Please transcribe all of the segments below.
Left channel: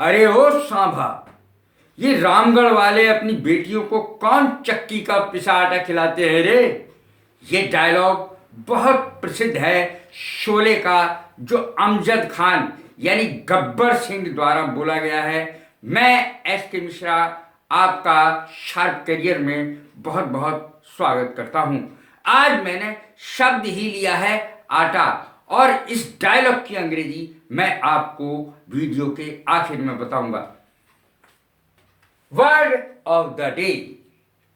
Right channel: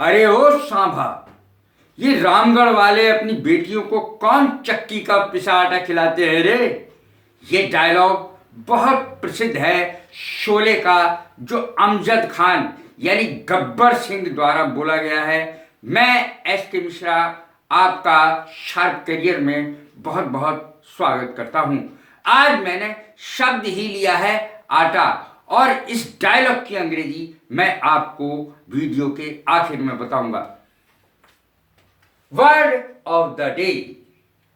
अरे ओ सांभा, ये रामगढ़ वाले अपनी बेटियों को कौन चक्की का पिसा आटा खिलाते हैं रे। ये डायलॉग बहुत प्रसिद्ध है शोले का, जो अमजद खान यानी गब्बर सिंह द्वारा बोला गया है। मैं एस के मिश्रा आपका शार्प करियर में बहुत बहुत स्वागत करता हूं। आज मैंने शब्द ही लिया है आटा, और इस डायलॉग की अंग्रेजी मैं आपको वीडियो के आखिर में बताऊंगा। वर्ड ऑफ द डे,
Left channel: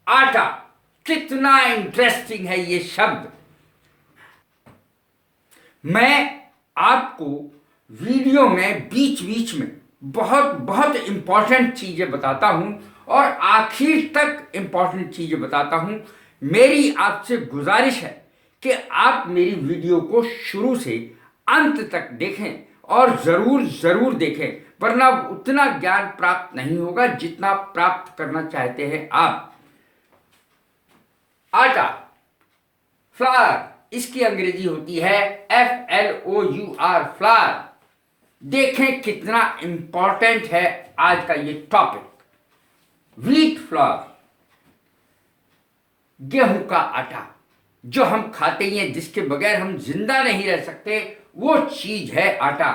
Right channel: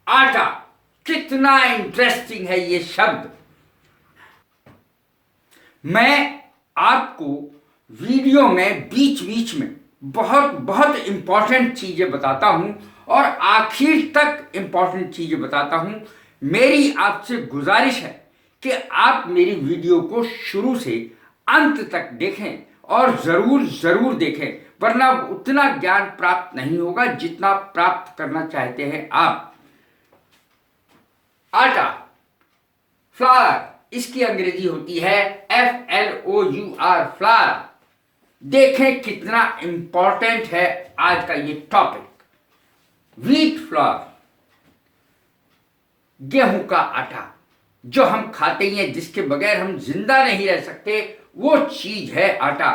आटा। कितना इंटरेस्टिंग है ये शब्द। मैं आपको वीडियो में बीच बीच में बहुत बहुत इंपॉर्टेंट चीजें बताता हूं और आखिर तक इंपॉर्टेंट चीजें बताता हूं। मेरी आपसे गुजारिश है कि आप मेरी वीडियो को शुरू से अंत तक देखें, और जरूर जरूर देखें, वरना उतना ज्ञान प्राप्त नहीं होगा जितना प्राप्त करना चाहते हैं आप। आटा, फ्लावर, इसकी अंग्रेजी होती है FLOUR, फ्लावर। देखें कितना इंपॉर्टेंट है आज का ये टॉपिक। व्हीट फ्लावर, गेहूं का आटा, जो हम खाते ही हैं, जिसके बगैर हम जिंदा नहीं रह सकते, वो चीज है आटा।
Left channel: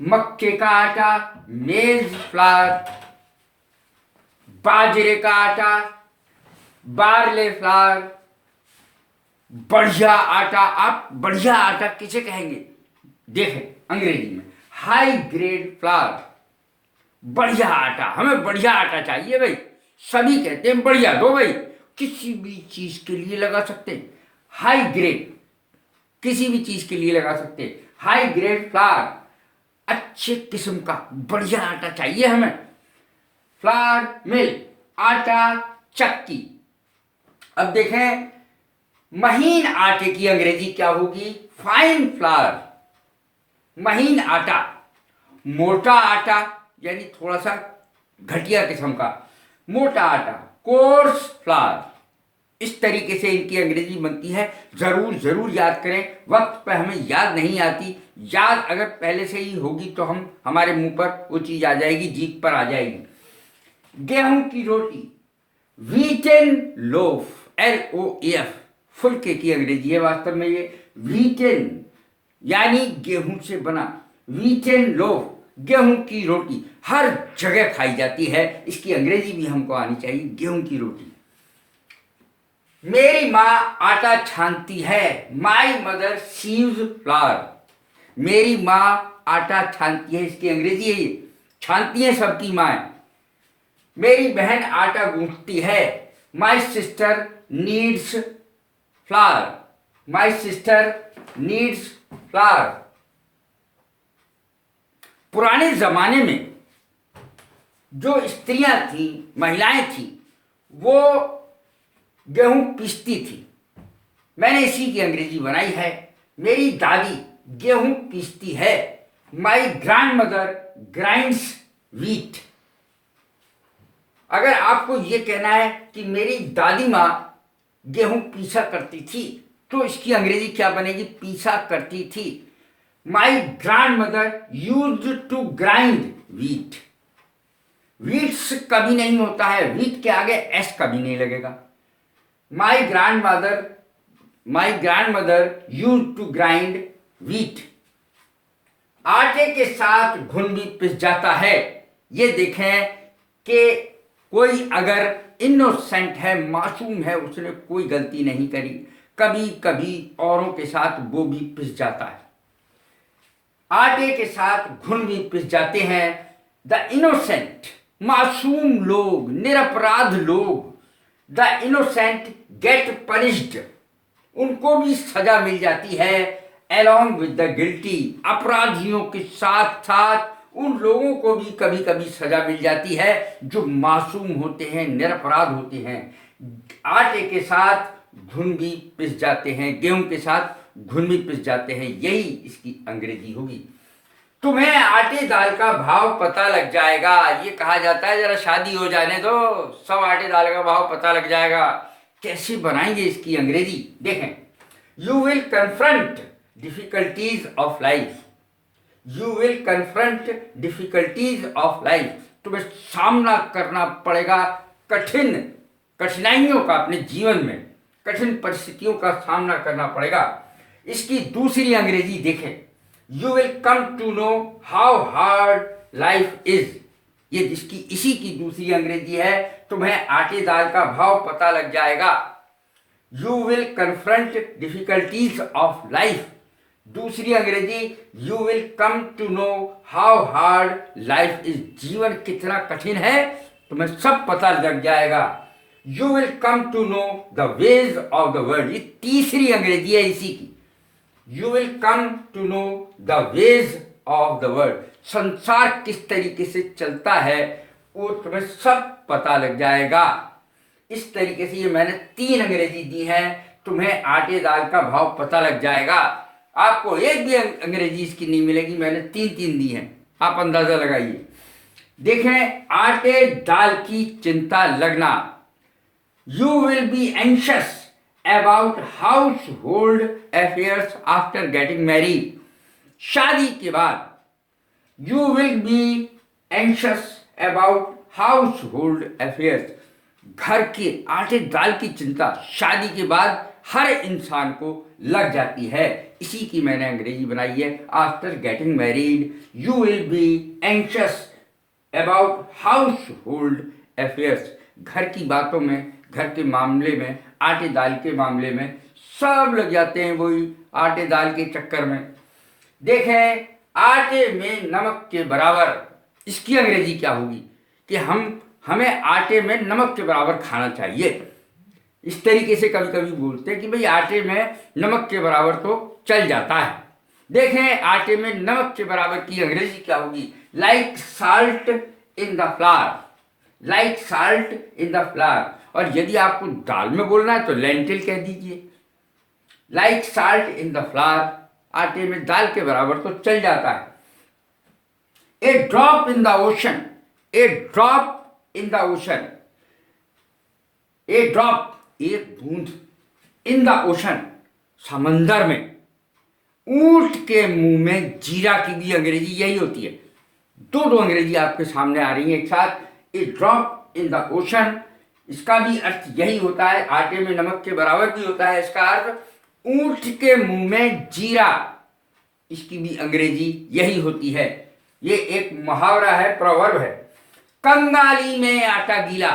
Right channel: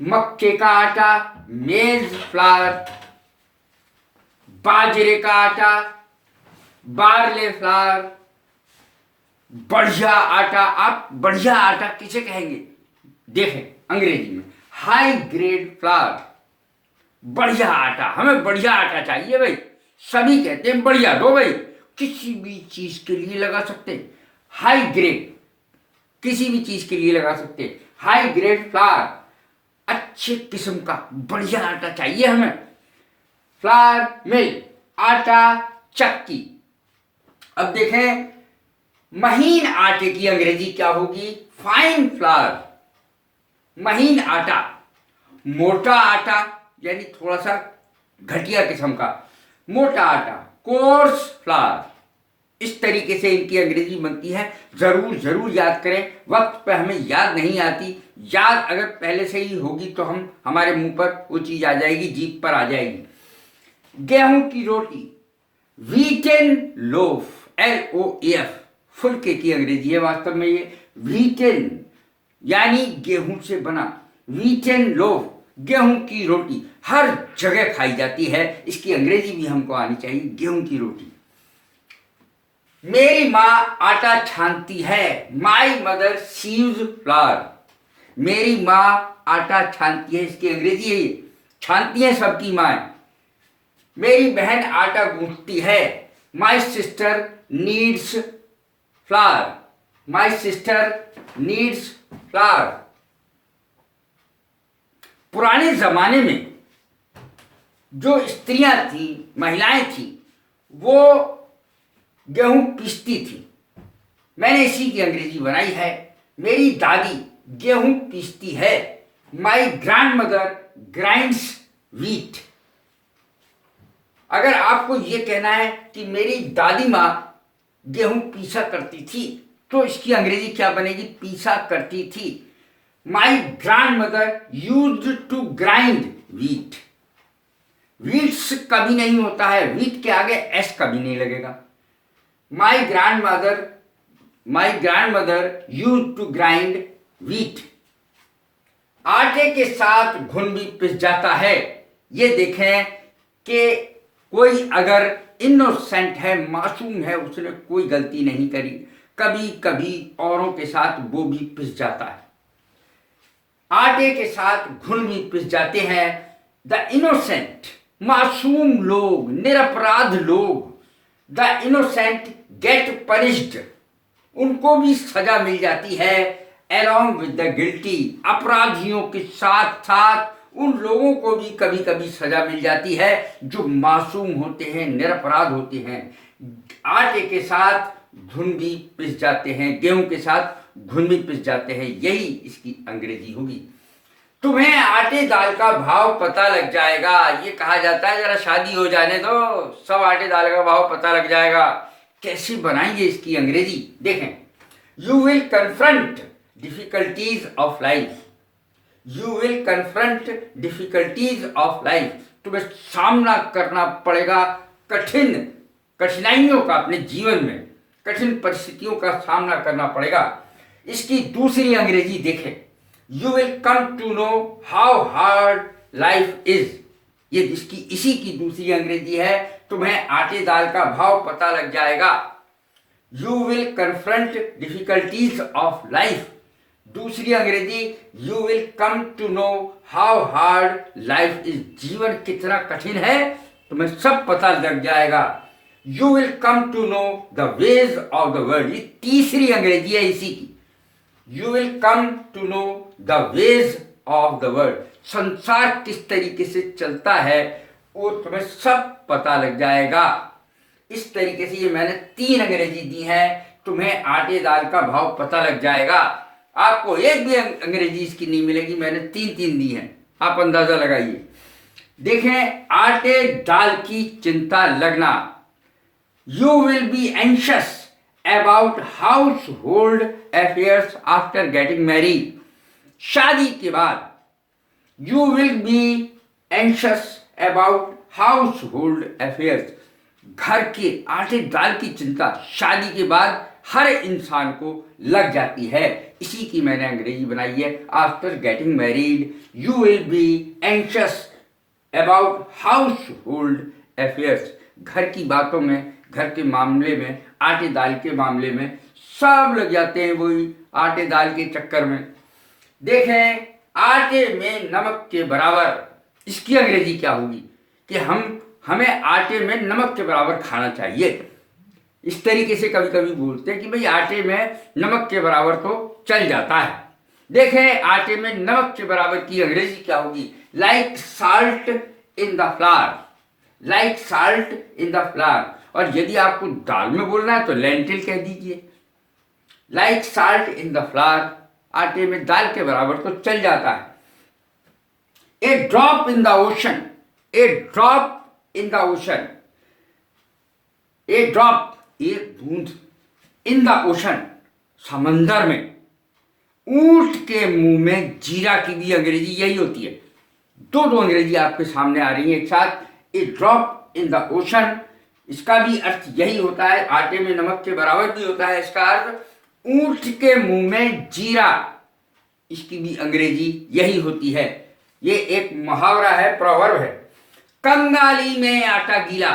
मक्के का आटा, मेज फ्लावर, बाजरे का आटा, बार्ले फ्लावर, बढ़िया आटा। आप बढ़िया आटा किसे कहेंगे? देखें अंग्रेजी में हाई ग्रेड फ्लावर, बढ़िया आटा। हमें बढ़िया आटा चाहिए भाई, सभी कहते हैं बढ़िया दो भाई। किसी भी चीज के लिए लगा सकते हैं हाई ग्रेड, किसी भी चीज के लिए लगा सकते हैं हाई ग्रेड फ्लावर। अच्छे किस्म का बढ़िया आटा चाहिए हमें। फ्लावर मिल, आटा चक्की। अब देखें महीन आटे की अंग्रेजी क्या होगी? फाइन फ्लावर, महीन आटा। मोटा आटा यानी थोड़ा सा घटिया किस्म का मोटा आटा, कोर्स फ्लावर। इस तरीके से इनकी अंग्रेजी बनती है। जरूर जरूर याद करें, वक्त पे हमें याद नहीं आती। याद अगर पहले से ही होगी तो हम हमारे मुंह पर वो चीज आ जाएगी, जीभ पर आ जाएगी। गेहूं की रोटी, व्हीटन लोफ, LOAF, फुलके की अंग्रेजी है वास्तव में ये। व्हीटन यानी गेहूं से बना, व्हीटन लोफ, गेहूं की रोटी हर जगह खाई जाती है। इसकी अंग्रेजी भी हमको आनी चाहिए, गेहूं की रोटी। मेरी माँ आटा छानती है, माई मदर सीव्स फ्लावर। मेरी माँ आटा छानती है, इसकी अंग्रेजी है ये, छानती है सबकी माँ। मेरी बहन आटा गूंथती है, my sister needs flower, my sister needs flower. पुराने जमाने में जो स्त्रियां थी, महिलाएं थी, वो गेहूं पीसती थी। मैंने इसी की अंग्रेजी बनाई है। मेरी दादी गेहूं पीसती है, my grand mother grinds wheat. अगर आपको यह कहना है कि मेरी दादी माँ गेहूं पीसा करती थी, तो इसकी अंग्रेजी क्या बनेगी? पीसा करती थी। My grandmother used to grind wheat. Wheats कभी नहीं होता है, व्हीट के आगे एस कभी नहीं लगेगा। My grandmother used to grind wheat. आटे के साथ घुन भी पिस जाता है। ये देखें कि कोई अगर इनोसेंट है, मासूम है, उसने कोई गलती नहीं करी, कभी कभी औरों के साथ वो भी पिस जाता है। आटे के साथ घुन भी पिस जाते हैं। द इनोसेंट, मासूम लोग, निरपराध लोग, द इनोसेंट गेट पनिश्ड, उनको भी सजा मिल जाती है। along with the guilty, अपराधियों के साथ साथ उन लोगों को भी कभी कभी सजा मिल जाती है जो मासूम होते हैं, निरपराध होते हैं। आटे के साथ घुन भी पिस जाते हैं, गेहूं के साथ घुन भी पिस जाते हैं, यही इसकी अंग्रेजी होगी। तुम्हें आटे दाल का भाव पता लग जाएगा। ये कहा जाता है जरा शादी हो जाने दो, सब आटे दाल का भाव पता लग जाएगा। कैसे बनाएंगे इसकी अंग्रेजी? देखें, you will confront difficulties of life, you will confront difficulties of life, तुम्हें सामना करना पड़ेगा कठिनाइयों का, अपने जीवन में कठिन परिस्थितियों का सामना करना पड़ेगा। इसकी दूसरी अंग्रेजी देखें, you will come to know how hard life is. ये इसी की दूसरी अंग्रेजी है, तुम्हें आटे दाल का भाव पता लग जाएगा। You will confront difficulties of life, दूसरी अंग्रेजी you will come to know how hard life is, जीवन कितना कठिन है तुम्हें सब पता लग जाएगा। You will come to know the ways of the world, ये तीसरी अंग्रेजी है इसी की। You will come to know the ways of the world, संसार किस तरीके से चलता है वो तुम्हें सब पता लग जाएगा। इस तरीके से ये मैंने 3 अंग्रेजी दी है, तुम्हें आटे दाल का भाव पता लग जाएगा। आपको एक भी अंग्रेजी इसकी नहीं मिलेगी, मैंने 3 दी हैं, आप अंदाजा लगाइए। देखें, आटे दाल की चिंता लगना, you will be anxious about house hold affairs after getting married, शादी के बाद you will be anxious about house hold affairs, घर के आटे दाल की चिंता शादी के बाद हर इंसान को लग जाती है। इसी की मैंने अंग्रेजी बनाई है, after getting married you will be anxious about house hold affairs, घर की बातों में, घर के मामले में, आटे दाल के मामले में सब लग जाते हैं वही आटे दाल के चक्कर में। देखें, आटे में नमक के बराबर, इसकी अंग्रेजी क्या होगी कि हमें आटे में नमक के बराबर खाना चाहिए। इस तरीके से कभी कभी बोलते हैं कि भाई आटे में नमक के बराबर तो चल जाता है। देखें, आटे में नमक के बराबर की अंग्रेजी क्या होगी, like salt in the flower, like salt in the flower. और यदि आपको दाल में बोलना है तो लेंटिल कह दीजिए, like salt in the flour, आटे में दाल के बराबर तो चल जाता है। A drop in the ocean, a drop in the ocean, a drop एक बूंद, इन द ओशन समंदर में, ऊंट के मुंह में जीरा की भी अंग्रेजी यही होती है। दो अंग्रेजी आपके सामने आ रही है एक साथ। ए ड्रॉप इन द ओशन, इसका भी अर्थ यही होता है, आटे में नमक के बराबर भी होता है इसका अर्थ। ऊंट के मुंह में जीरा, इसकी भी अंग्रेजी यही होती है। ये एक मुहावरा है, प्रोवर्ब है। कंगाली में आटा गीला,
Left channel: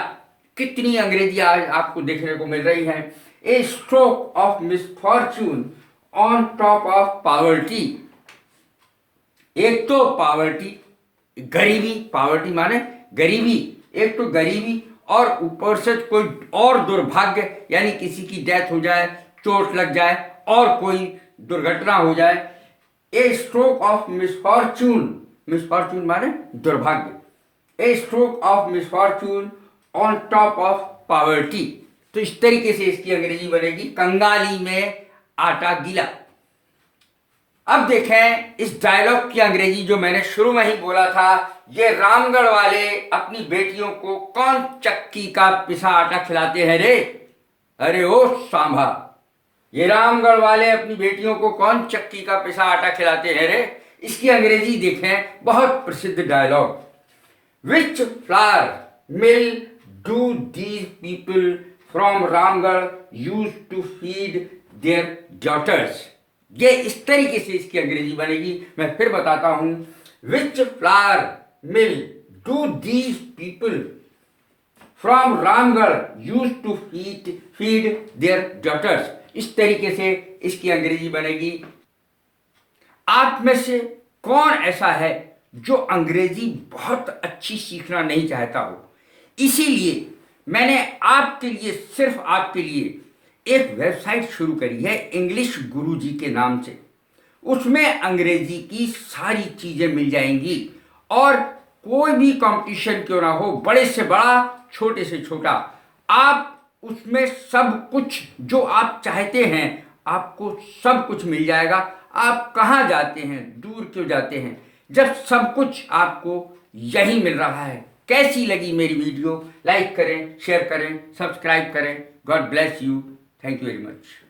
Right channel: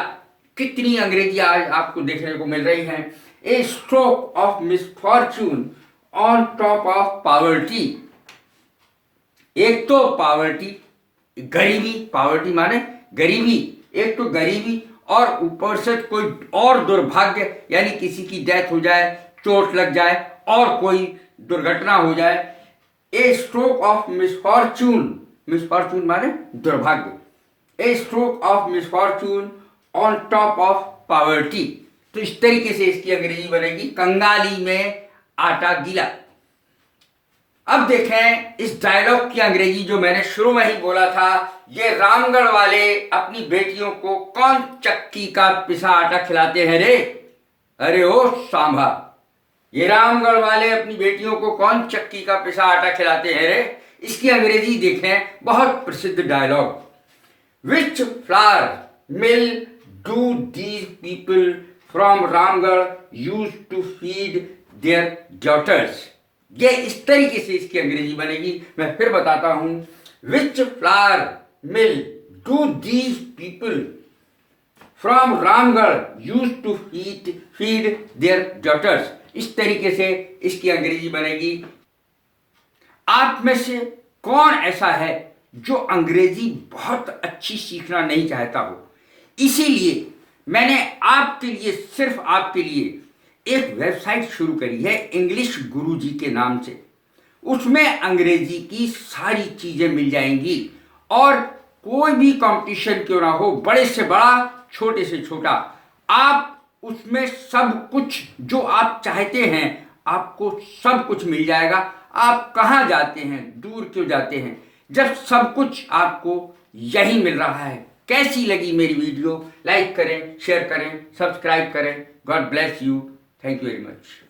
कितनी अंग्रेजी आज आपको देखने को मिल रही है। ए stroke of misfortune on top of poverty, एक तो पॉवर्टी गरीबी, पॉवर्टी माने गरीबी, एक तो गरीबी और ऊपर से कोई और दुर्भाग्य, यानी किसी की डेथ हो जाए, चोट लग जाए और कोई दुर्घटना हो जाए। ए स्ट्रोक ऑफ मिसफॉर्चून, मिसफॉर्चून माने दुर्भाग्य, ए stroke of misfortune on top of poverty. तो इस तरीके से इसकी अंग्रेजी बनेगी, कंगाली में आटा गीला। अब देखें इस डायलॉग की अंग्रेजी जो मैंने शुरू में ही बोला था, ये रामगढ़ वाले अपनी बेटियों को कौन चक्की का पिसा आटा खिलाते हैं रे, अरे ओ सांभा, ये रामगढ़ वाले अपनी बेटियों को कौन चक्की का पिसा आटा खिलाते हैं रे। इसकी अंग्रेजी देखें, बहुत प्रसिद्ध dialogue, which flour mill do these people from Ramgarh use to feed their daughters. ये इस तरीके से इसकी अंग्रेजी बनेगी, मैं फिर बताता हूं, which flour mill do these people from Ramgarh use to feed their daughters. इस तरीके से इसकी अंग्रेजी बनेगी। आप में से कौन ऐसा है जो अंग्रेजी बहुत अच्छी सीखना नहीं चाहता हो, इसीलिए मैंने आपके लिए, सिर्फ आपके लिए एक वेबसाइट शुरू करी है इंग्लिश गुरुजी के नाम से। उसमें अंग्रेजी की सारी चीज़ें मिल जाएंगी और कोई भी कंपटीशन क्यों ना हो, बड़े से बड़ा, छोटे से छोटा, आप उसमें सब कुछ जो आप चाहते हैं आपको सब कुछ मिल जाएगा। आप कहाँ जाते हैं, दूर क्यों जाते हैं, जब सब कुछ आपको यही मिल रहा है। कैसी लगी मेरी वीडियो, लाइक करें, शेयर करें, सब्सक्राइब करें। God bless you, thank you very much.